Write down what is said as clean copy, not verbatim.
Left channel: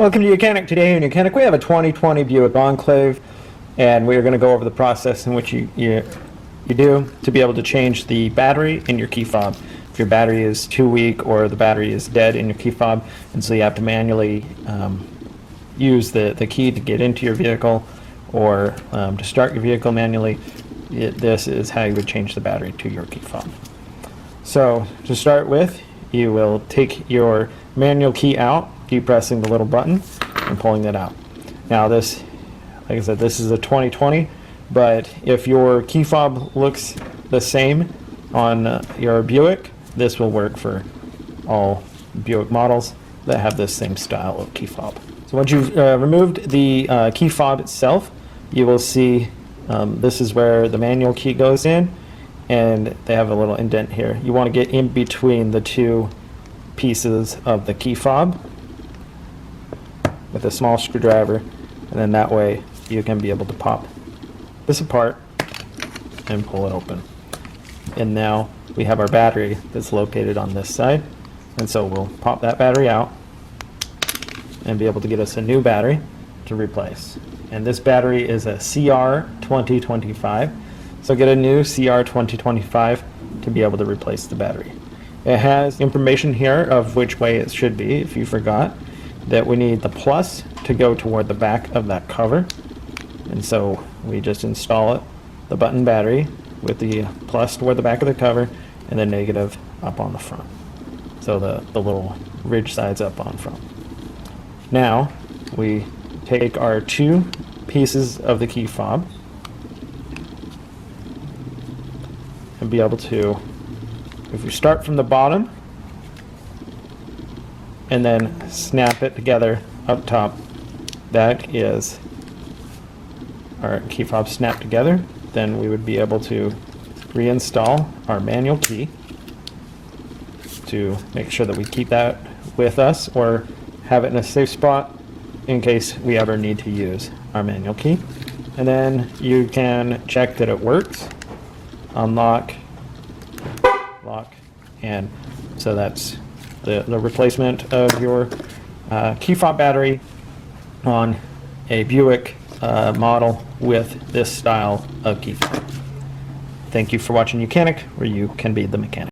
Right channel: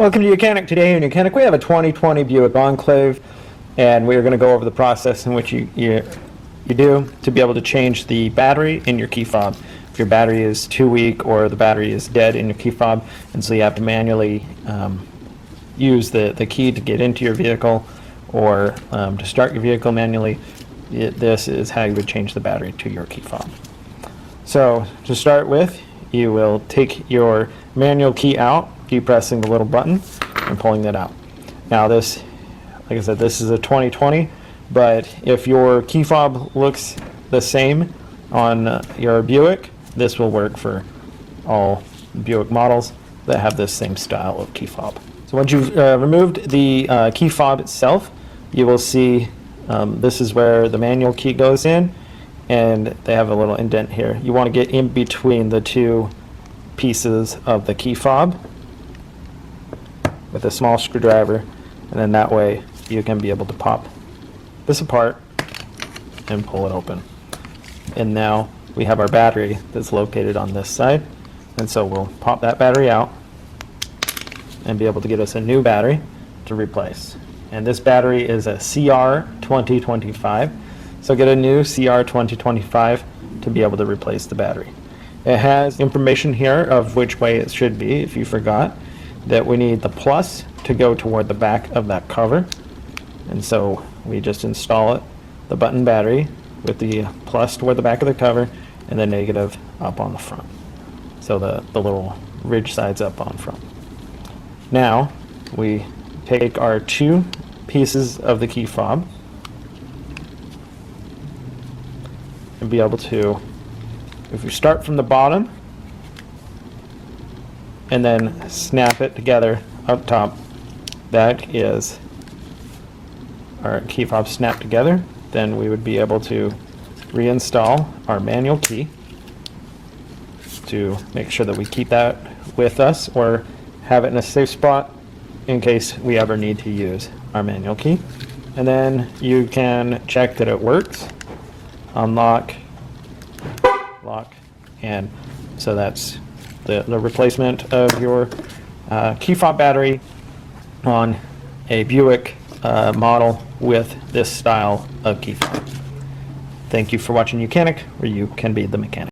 Welcome to YOUCANIC. Today in YOUCANIC we have a 2020 Buick Enclave, and we're going to go over the process in which you do to be able to change the battery in your key fob. If your battery is too weak or the battery is dead in your key fob, and so you have to manually use the key to get into your vehicle or to start your vehicle manually, this is how you would change the battery to your key fob. So to start with, you will take your manual key out, depressing the little button and pulling it out. Now this, like I said, this is a 2020, but if your key fob looks the same on your Buick, this will work for all Buick models that have this same style of key fob. So once you've removed the key fob itself, you will see this is where the manual key goes in, and they have a little indent here. You want to get in between the two pieces of the key fob with a small screwdriver, and then that way you can be able to pop this apart and pull it open. And now we have our battery that's located on this side, and so we'll pop that battery out and be able to give us a new battery to replace. And this battery is a CR2025, so get a new CR2025 to be able to replace the battery. It has information here of which way it should be, if you forgot, that we need the plus to go toward the back of that cover. And so we just install it, the button battery, with the plus toward the back of the cover and the negative up on the front. So the little ridge sides up on front. Now we take our two pieces of the key fob and be able to, if you start from the bottom and then snap it together up top, that is our key fob snapped together, then we would be able to reinstall our manual key to make sure that we keep that with us or have it in a safe spot in case we ever need to use our manual key. And then you can check that it works. Unlock, lock, and so that's the replacement of your key fob battery on a Buick model with this style of key fob. Thank you for watching YOUCANIC, where you can be the mechanic.